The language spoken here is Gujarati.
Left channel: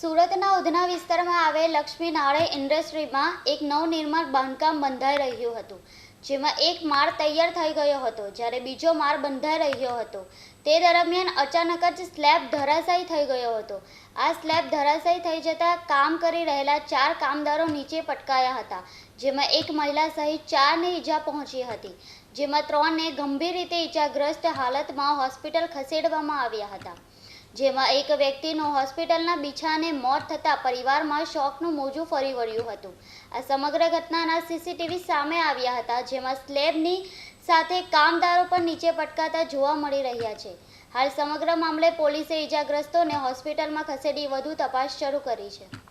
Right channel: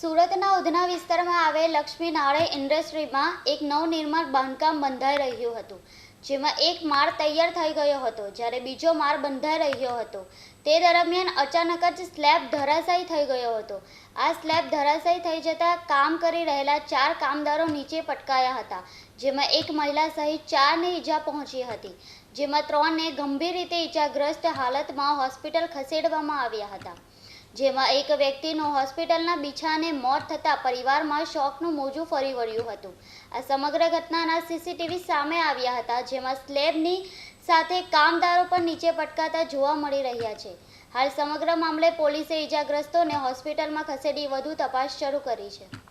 સુરતના ઉધના વિસ્તારમાં આવેલ લક્ષ્મી નારાયણ ઇન્ડસ્ટ્રીમાં એક નવનિર્માણ બાંધકામ બંધાઈ રહ્યું હતું, જેમાં એક માળ તૈયાર થઈ ગયો હતો, જ્યારે બીજો માળ બંધાઈ રહ્યો હતો. તે દરમિયાન અચાનક જ સ્લેબ ધરાશાયી થઈ ગયો હતો. આ સ્લેબ ધરાશાયી થઈ જતાં કામ કરી રહેલા ચાર કામદારો નીચે પટકાયા હતા, જેમાં એક મહિલા સહિત ચારને ઈજા પહોંચી હતી, જેમાં ત્રણને ગંભીર રીતે ઈજાગ્રસ્ત હાલતમાં હોસ્પિટલ ખસેડવામાં આવ્યા હતા. જેમાં એક વ્યક્તિનું હોસ્પિટલના બિછાને મોત થતાં પરિવારમાં શોકનું મોજું ફરી વળ્યું હતું. આ સમગ્ર ઘટનાના સીસીટીવી સામે આવ્યા હતા, જેમાં સ્લેબની સાથે કામદારો પણ નીચે પટકાતા જોવા મળી રહ્યા છે. હાલ સમગ્ર મામલે પોલીસે ઈજાગ્રસ્તોને હોસ્પિટલમાં ખસેડી વધુ તપાસ શરૂ કરી છે.